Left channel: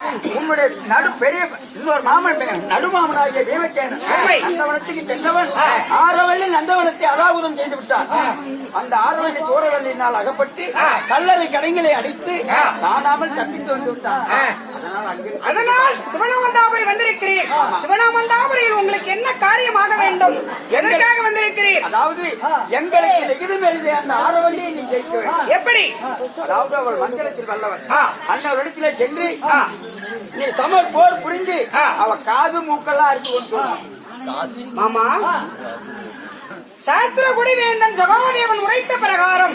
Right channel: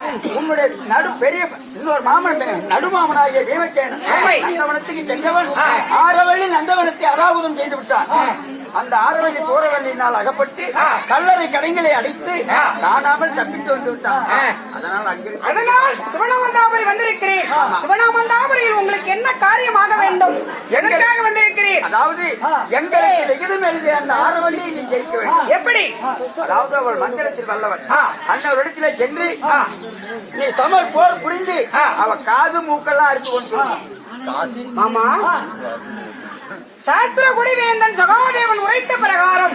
உன்னுடைய நடு பெரிய இன்னொரு மாமன் நடுமாமனாகிய பீமசேனன் நந்தவனத்துக்கு சென்றவன். ஆரவள்ளி நந்தவனத்தை அராகுதம் செய்து விட்டான். அந்த ஆரவள்ளி சோரவள்ளியினால் அகப்பட்டு கல்லறை கடைகளை அடித்து காணாமல் தப்பித்து வந்து விட்டான். அதனால் அதனால் சிவனாமந்தாபுரி வந்திருக்கிறீர் சிவனாமந்தாபுரியில் உங்களுக்கு என்ன காரியமாக வேண்டும்? அதாவது எங்களுக்கு வெகுதும் எழுதிய அந்த ஆரவள்ளியை நீ ஜெயிக்க எப்படி? அதாவது அவள் மந்திரத்தில் வல்லவன். அந்த இடத்திலே சென்று நீ சம போர் புரிந்து அவ காது மூக்கெல்லாம் அறுத்து கொண்டு. மாமா சாஸ்திர குடிவேந்தன் சகாதேவன் உரைத்த பிரகாரம்.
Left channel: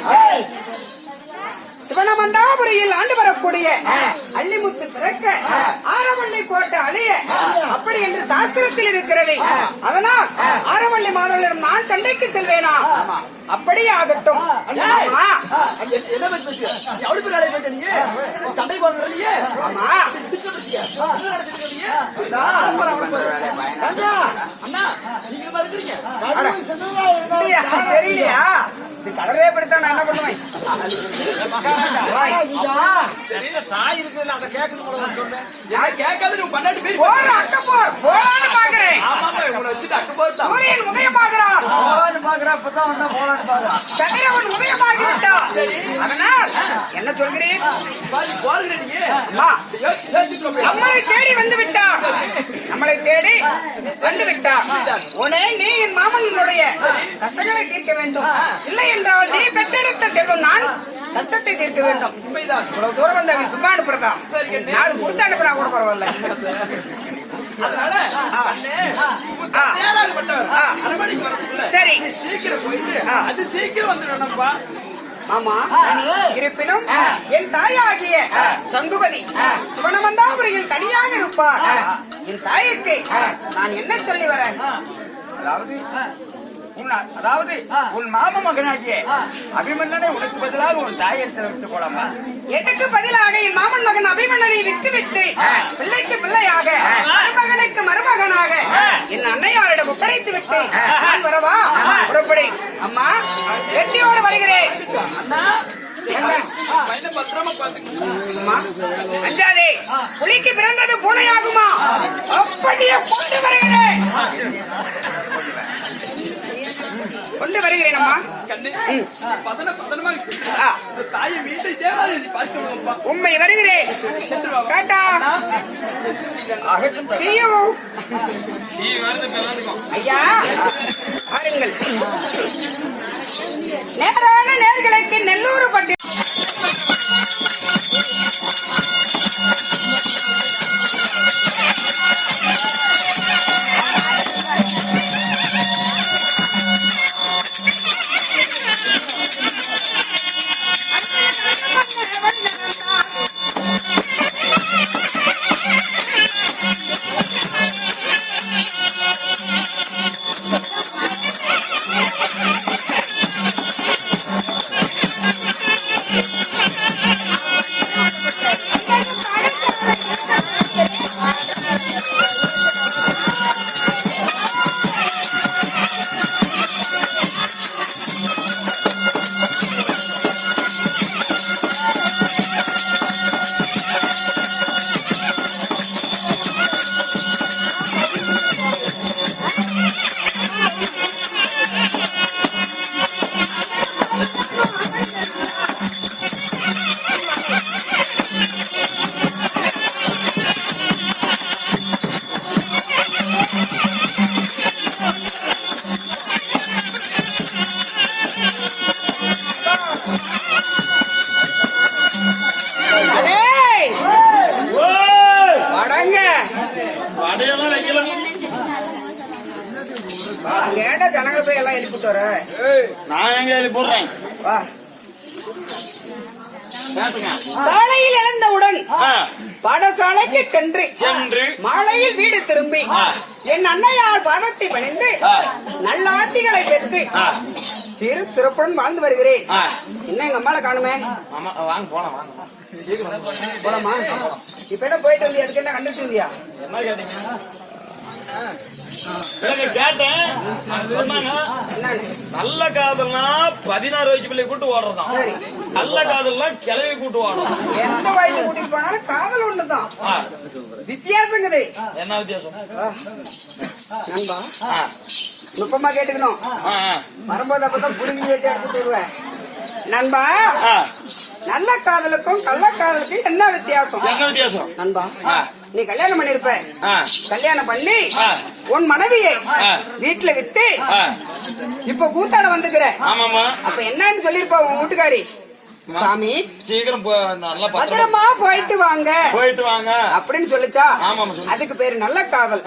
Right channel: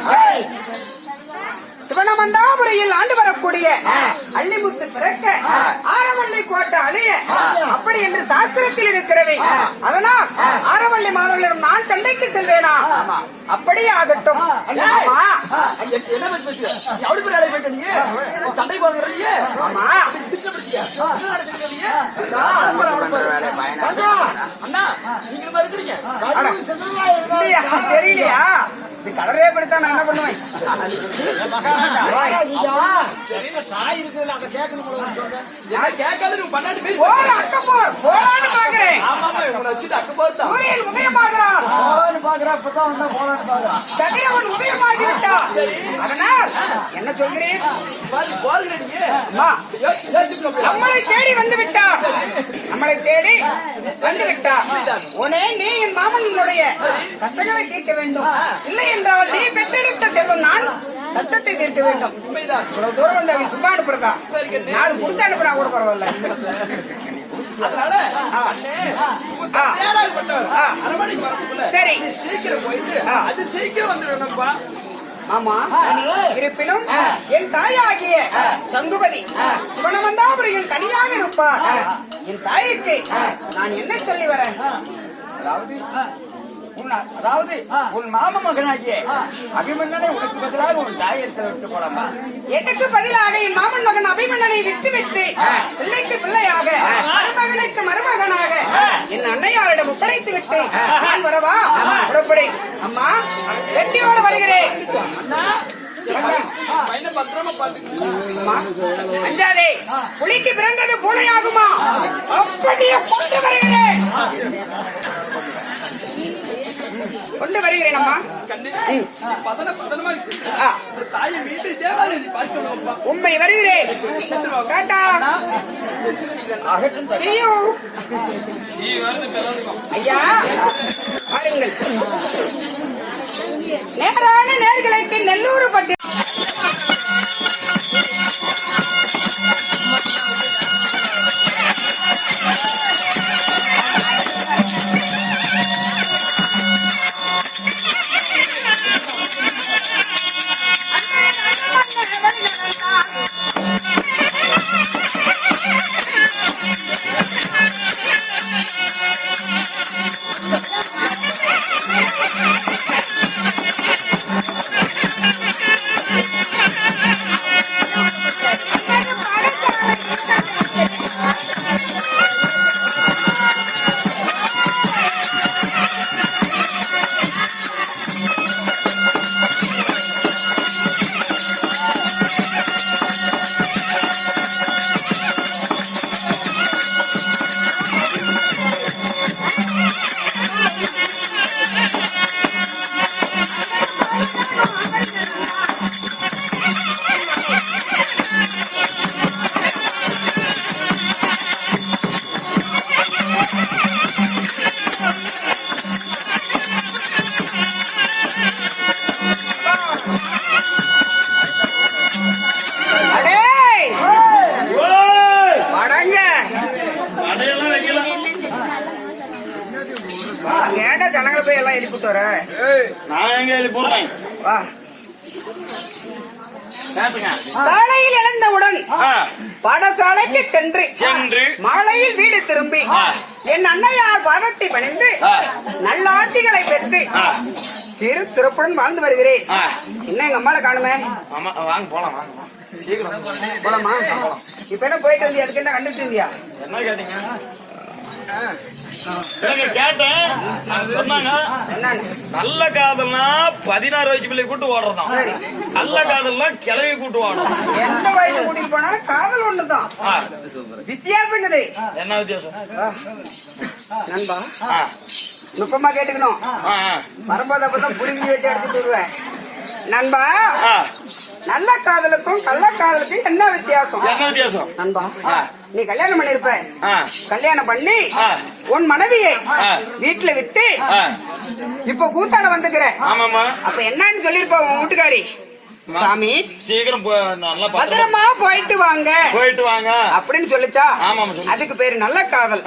சிவனமந்தாபுரியில் ஆண்டு வரக்கூடிய அள்ளிமுத்து பிறக்க ஆரவள்ளி கோட்டை அழிய அப்படி என்று சாஸ்திரத்தில் இருக்கிறது. அதனால் ஆரவள்ளி மாதவர்களிடம் நான் சண்டைக்கு செல்வேனா? அப்படியே ஆகட்டும்? தெரியலையா? இது கலரே படுத்தா நான் என்ன பண்ணுவேன்? நான் கேட்காத நீ பன்னெண்டு பேர் போற அக்க போர் போலான்னு பாக்குறேன். ஆமா, ஆமா, உன்னை வச்சுட்டு அக்கு போதுதான். சூரியன் உதயமாகிறான் போலான்னு பாக்குறா, இப்பதான் வந்தா போலான்னு பாக்குறா. சந்திரவன் உதயமாகி விட்டான் அதனால் என்ன போய். நம்மளை தேடி வந்து விட்டார் நம்மளை தேடி வந்து உனே நீ என் மாமனுடைய கஷ்டங்களை தீர்க்க வேண்டும். இல்லை என்றால் நீ பெற்றெடுத்த செல்வம் நான் கஷ்டத்தை தீர்க்க வேண்டும். இவ்வளவு தூரம் வந்து அவன் சும்மா அனுப்புறதா நாலு கொடுத்து அனுப்புனா கூட பரவாயில்ல. சரி. ஆமா. இருப்பினும் என் தாயாகிய சங்குபதி சிவனமந்தாபுரியில் தனியாக இருப்பார் என் தாய்க்கு நான் என்ன சொல்லி வரேன்? அதாவது அதாவது உன் மாம மகனாகிய அபிமன்னனை உனக்கு பதிலாக உன் தாய் இடத்துல விட்டு போலாமா? எனக்கு பதிலாக என் மாமன் மகன் அபிமன்னனை விட்டுவிட்டு பிள்ளைக்கு பிள்ளையாக மருமகனுக்கு மருமகனாக என் அன்னையாரிடம் ஒப்படைத்து விட்டு நான் வரவா? புறப்படி. அம்மா வெட்டியோடு வருகிறேன். அஞ்சாதே புலிக்கு பிறந்தது பூனையாகுமா? அப்படியே கொண்டு வருகிறேன். கொண்டு வருகிறேன் அம்மா. உண்மை வருகிறேன். Tata See you. ஐயா பாருங்கள் நேரான நேர்களுக்கு நெல்லூர் பட்டி ஏன்டா ஜனங்களை போய் எல்லாம் எழுப்பிட்டு வர? நான் எங்க போடுறேன் வா. கேட்டுங்க காலையில் எழுந்தவுடன் பாடசாலைக்கு சென்று சென்று மாலையில் வீடு திரும்பி என் அன்னையார் பாதத்தை பணிந்து நல்ல ஆட்சிகளை பெற்று சிறு சிறப்புடன் வாழ்ந்து வருகிறேன். என்ன எங்க அம்மால காணுமே? வாங்க போலாம் வாங்க. போலாமா. இப்ப என்ன போயிட்டு வந்து எதுக்கு என்ன கண்டுட்டு இருந்தியா என்ன கேட்டீங்க? நல்ல காதல்னா பதினாறு வயசு பிள்ளை கூட்டு ஓடுறதாம் சரி. நல்ல காதல்னா கிளவி கூட்டு ஓடுறதாம் எந்த வயசு கூட்டிட்டு போனாலும் காதல் ஒண்ணுதான். வித்தியாசம் கிடையாது. என்ன வித்தியாசம்? நண்பா நுட்பமா கேட்டுக்கணும். வரும்போது அப்பதான் புடுங்கி வச்சு வருவேன். நண்பா நல்ல காதலுக்கும் கள்ள காதலுக்கும் என்ன வித்தியாசம்? என்ன வித்தியாசம்? நண்பா. நீ கல்யாணம் பண்ணிருப்ப. கல்யாணம் பண்ணி. உன் மனைவியை. வீட்டுல விட்டு இப்ப கூத்தாட வந்துக்கிற. அப்ப என்னன்னு சொல்லிருப்பா உன் வீட்டுக்காரி. சாமி சீக்கிரம் பத்திரமா போயிட்டு வாங்க. போயிட்டு வாங்க. அப்படின்னு சொல்லுச்சா. அதுக்கு பேரு நல்ல காதல்?